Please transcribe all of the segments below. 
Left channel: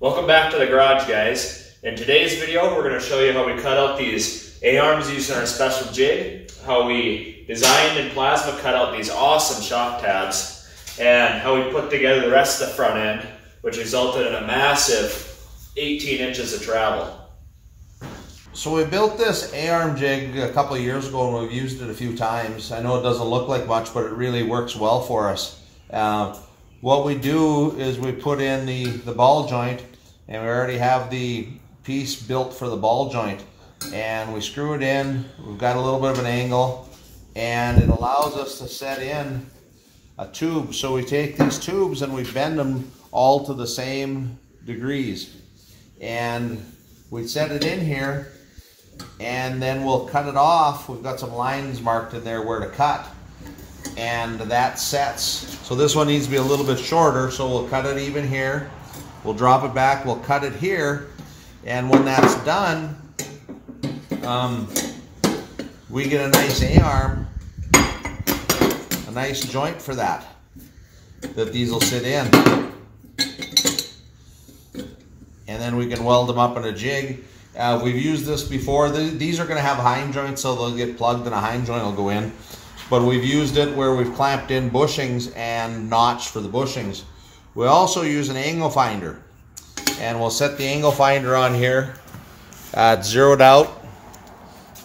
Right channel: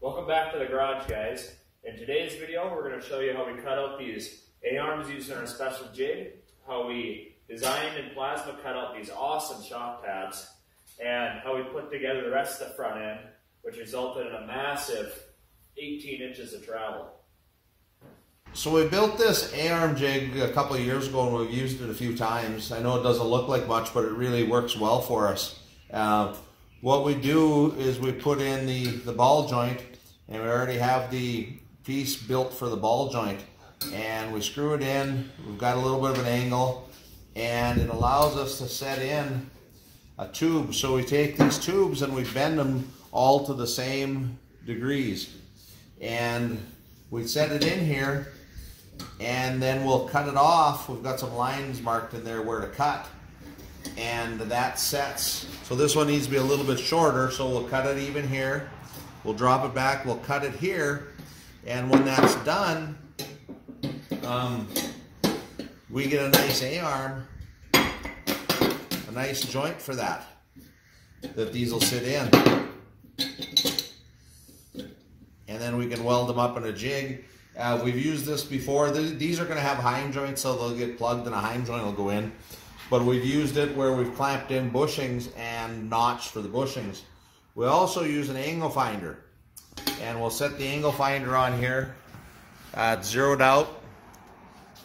Welcome back to the garage, guys. In today's video, we're going to show you how we cut out these A-arms using our special jig, how we designed and plasma cut out these awesome shock tabs, and how we put together the rest of the front end, which resulted in a massive 18 inches of travel. So we built this A-arm jig a couple of years ago and we've used it a few times. I know it doesn't look like much, but it really works well for us. What we do is we put in the ball joint, and we already have the piece built for the ball joint, and we screw it in. We've got a little bit of an angle, and it allows us to set in a tube. So we take these tubes and we bend them all to the same degrees, and we set it in here, and then we'll cut it off. We've got some lines marked in there where to cut, and that sets. So this one needs to be a little bit shorter, so we'll cut it even here. We'll drop it back, we'll cut it here, and when that's done, we get a nice A-arm, a nice joint for that these will sit in. And then we can weld them up in a jig. We've used this before. These are going to have heim joints, so they'll get plugged and a heim joint will go in. But we've used it where we've clamped in bushings and notched for the bushings. We also use an angle finder, and we'll set the angle finder on here, zeroed out,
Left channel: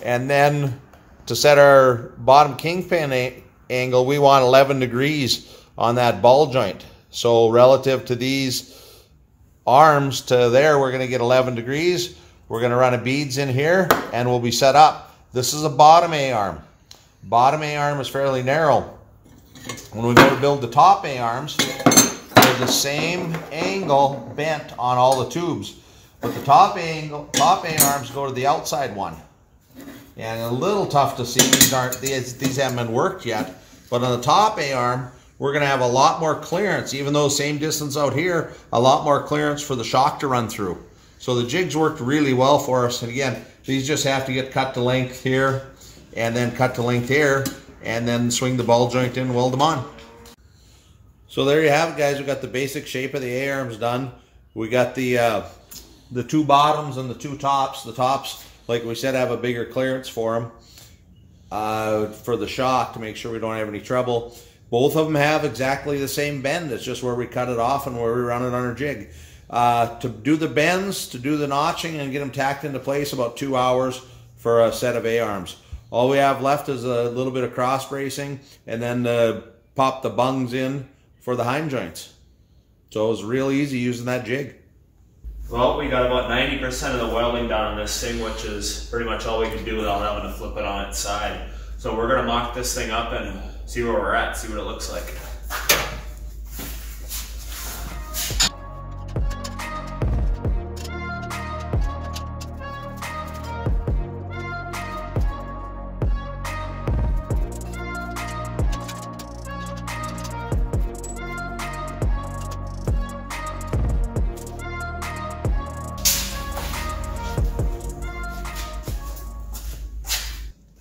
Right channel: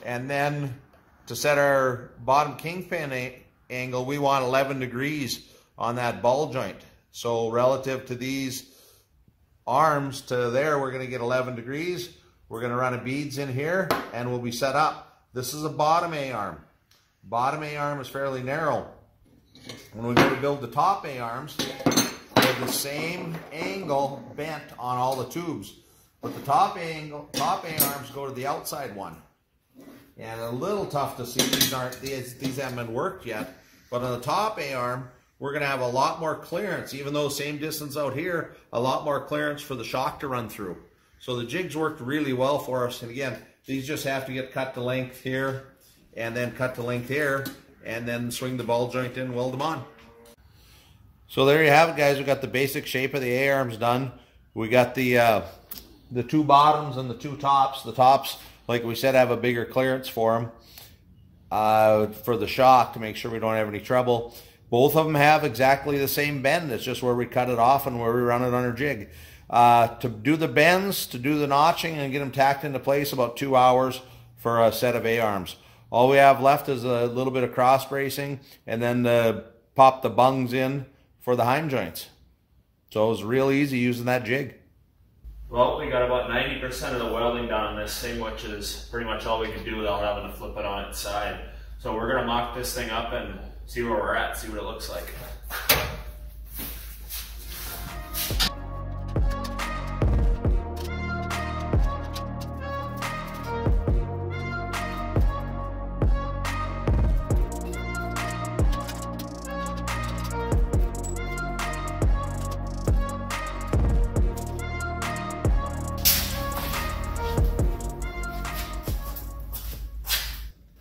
and then to set our bottom kingpin angle, we want 11 degrees on that ball joint. So relative to these arms to there, we're going to get 11 degrees. We're going to run a beads in here, and we'll be set up. This is a bottom A-arm. Bottom A-arm is fairly narrow. When we go to build the top A-arms, they're the same angle bent on all the tubes, but the top A-arms go to the outside one. And a little tough to see, these haven't been worked yet, but on the top A-arm, we're going to have a lot more clearance, even though same distance out here, a lot more clearance for the shock to run through. So the jigs worked really well for us. And again, these just have to get cut to length here, and then cut to length here, and then swing the ball joint in and weld them on. So there you have it, guys. We got the basic shape of the A-arms done. We got the two bottoms and the two tops. The tops, like we said, have a bigger clearance for them for the shock to make sure we don't have any trouble. Both of them have exactly the same bend. It's just where we cut it off and where we run it on our jig. To do the bends, to do the notching and get them tacked into place, about 2 hours for a set of A-arms. All we have left is a little bit of cross bracing, and then pop the bungs in for the heim joints. So it was real easy using that jig. Well, we got about 90% of the welding done on this thing, which is pretty much all we can do without having to flip it on its side. So we're going to mock this thing up and see where we're at, see what it looks like.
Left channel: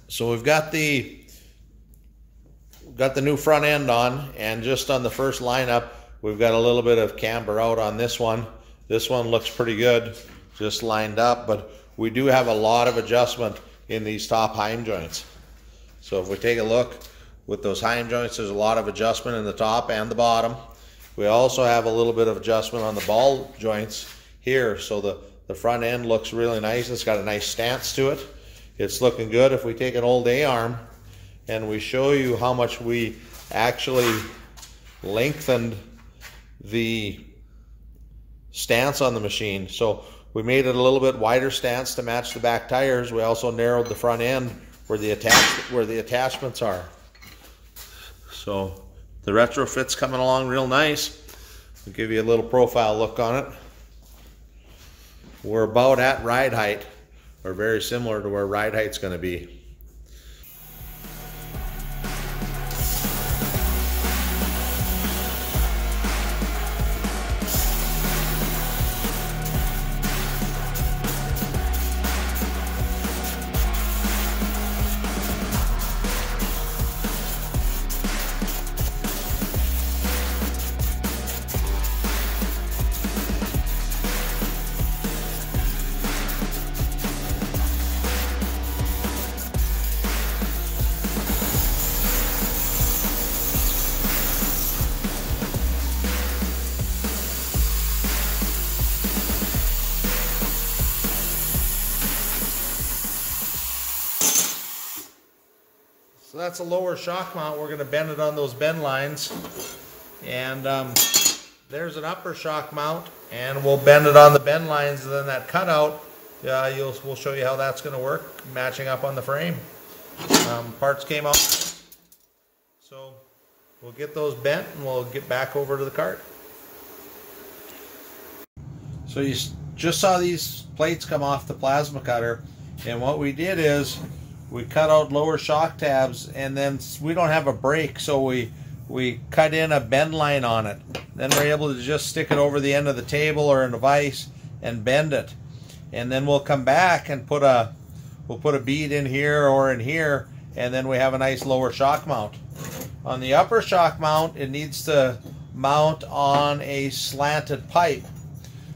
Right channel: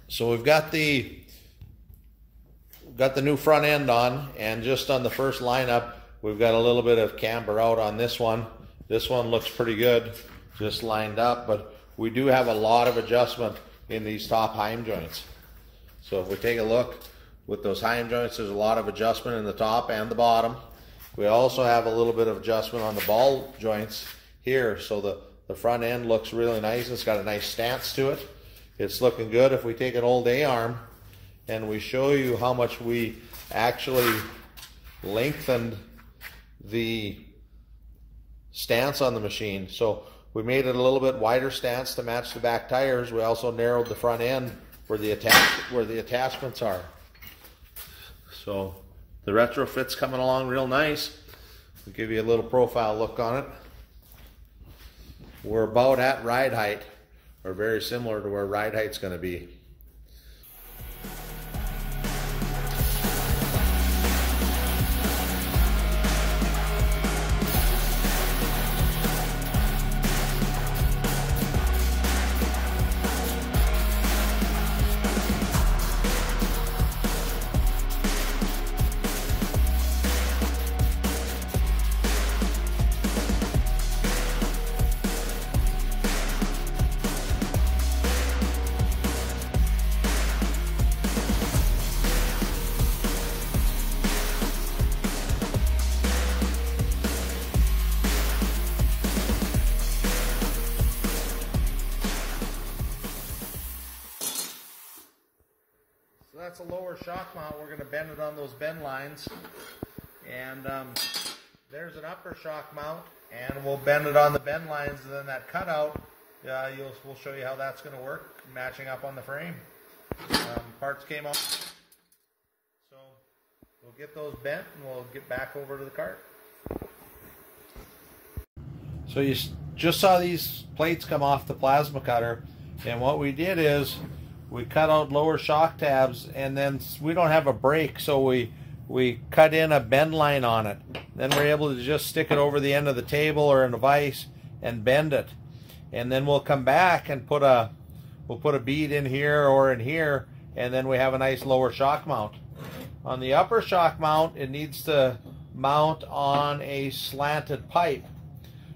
So we've got the new front end on, and just on the first lineup, we've got a little bit of camber out on this one. This one looks pretty good, just lined up, but we do have a lot of adjustment in these top heim joints. So if we take a look with those heim joints, there's a lot of adjustment in the top and the bottom. We also have a little bit of adjustment on the ball joints here, so the front end looks really nice. It's got a nice stance to it. It's looking good. If we take an old A-arm and we show you how much we actually lengthened the stance on the machine. So we made it a little bit wider stance to match the back tires. We also narrowed the front end where the attachments are. So the retrofit's coming along real nice. I'll give you a little profile look on it. We're about at ride height, or very similar to where ride height's going to be. that's a lower shock mount. We're going to bend it on those bend lines. And there's an upper shock mount, and we'll bend it on the bend lines, and then that cutout, we'll show you how that's going to work, matching up on the frame. Parts came out, so we'll get those bent and we'll get back over to the cart. So you just saw these plates come off the plasma cutter, and what we did is we cut out lower shock tabs, and then we don't have a brake, so we cut in a bend line on it. Then we're able to just stick it over the end of the table or in a vise and bend it. And then we'll come back and we'll put a bead in here or in here, and then we have a nice lower shock mount. On the upper shock mount, it needs to mount on a slanted pipe.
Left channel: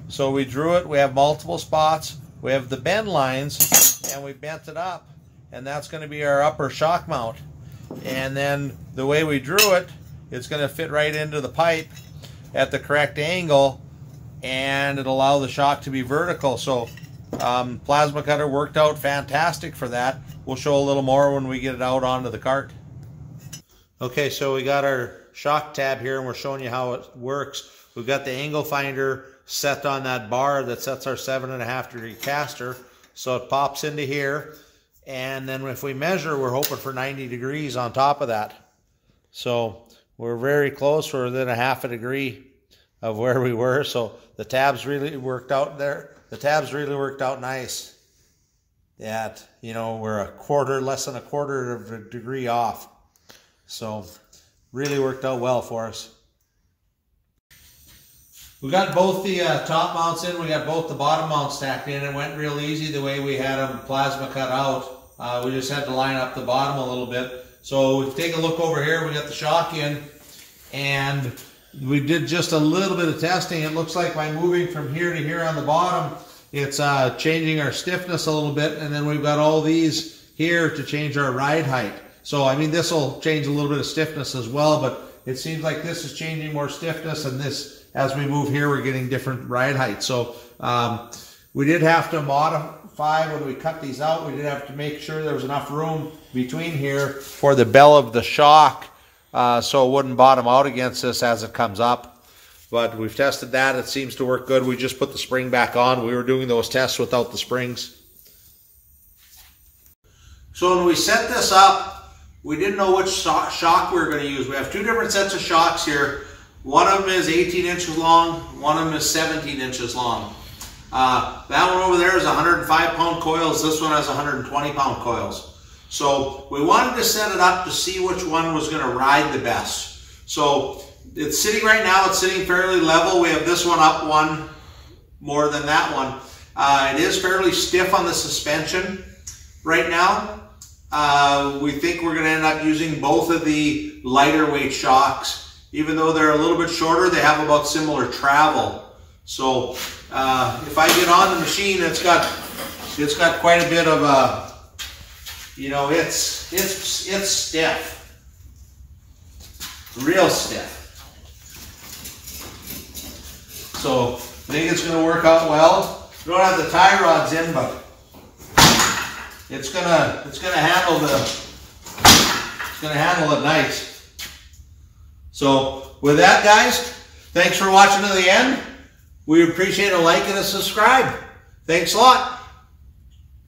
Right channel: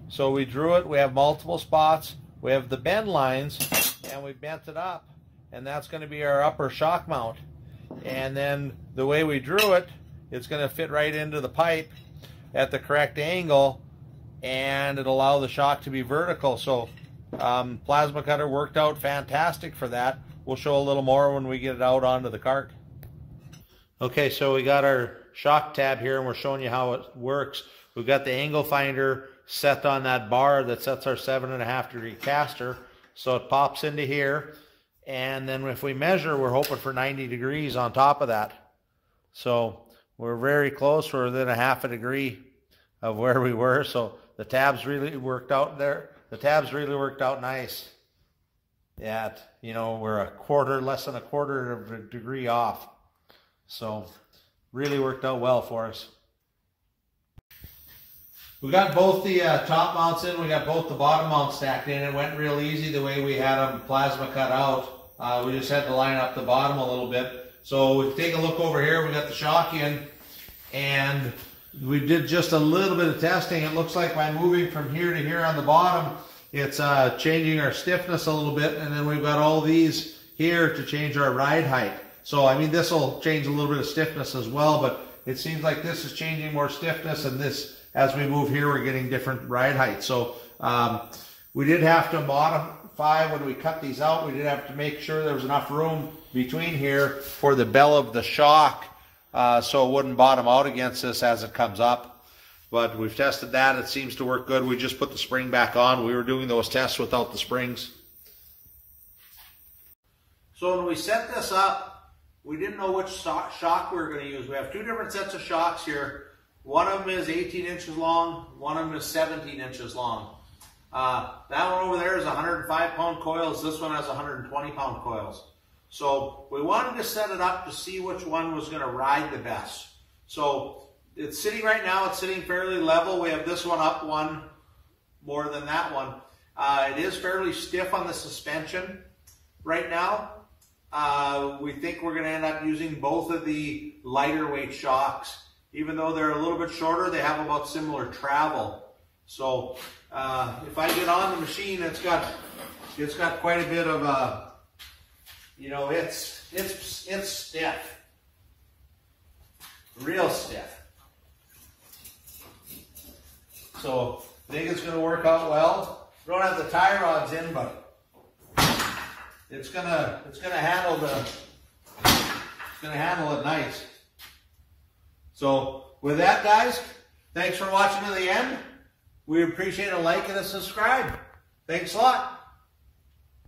So we drew it, we have multiple spots, we have the bend lines, and we bent it up. And that's going to be our upper shock mount. And then the way we drew it, it's going to fit right into the pipe at the correct angle, and it'll allow the shock to be vertical. So plasma cutter worked out fantastic for that. We'll show a little more when we get it out onto the cart. Okay, so we got our shock tab here, and we're showing you how it works. We've got the angle finder set on that bar that sets our 7.5 degree caster. So it pops into here. And then if we measure, we're hoping for 90 degrees on top of that. So we're very close. We're within a half a degree of where we were. So the tabs really worked out there. The tabs really worked out nice. Yeah, we're less than a quarter of a degree off. So really worked out well for us. We got both the top mounts in. We got both the bottom mounts stacked in. It went real easy the way we had them plasma cut out. We just had to line up the bottom a little bit. So we take a look over here. We got the shock in, and we did just a little bit of testing. It looks like by moving from here to here on the bottom, it's changing our stiffness a little bit. And then we've got all these here to change our ride height. So I mean, this will change a little bit of stiffness as well, but it seems like this is changing more stiffness, and this, as we move here, we're getting different ride heights. So we did have to modify when we cut these out. We did have to make sure there was enough room between here for the bell of the shock, so it wouldn't bottom out against this as it comes up. But we've tested that. It seems to work good. We just put the spring back on. We were doing those tests without the springs. So when we set this up, we didn't know which shock we were going to use. We have two different sets of shocks here. One of them is 18 inches long, one of them is 17 inches long. That one over there is 105-pound coils. This one has 120-pound coils. So we wanted to set it up to see which one was going to ride the best. So it's sitting right now, it's sitting fairly level. We have this one up one more than that one. It is fairly stiff on the suspension right now. We think we're going to end up using both of the lighter weight shocks. Even though they're a little bit shorter, they have about similar travel. So if I get on the machine, it's got quite a bit of it's stiff, real stiff. So I think it's going to work out well. We don't have the tie rods in, but it's gonna handle it nice. So with that, guys, thanks for watching to the end. We appreciate a like and a subscribe. Thanks a lot.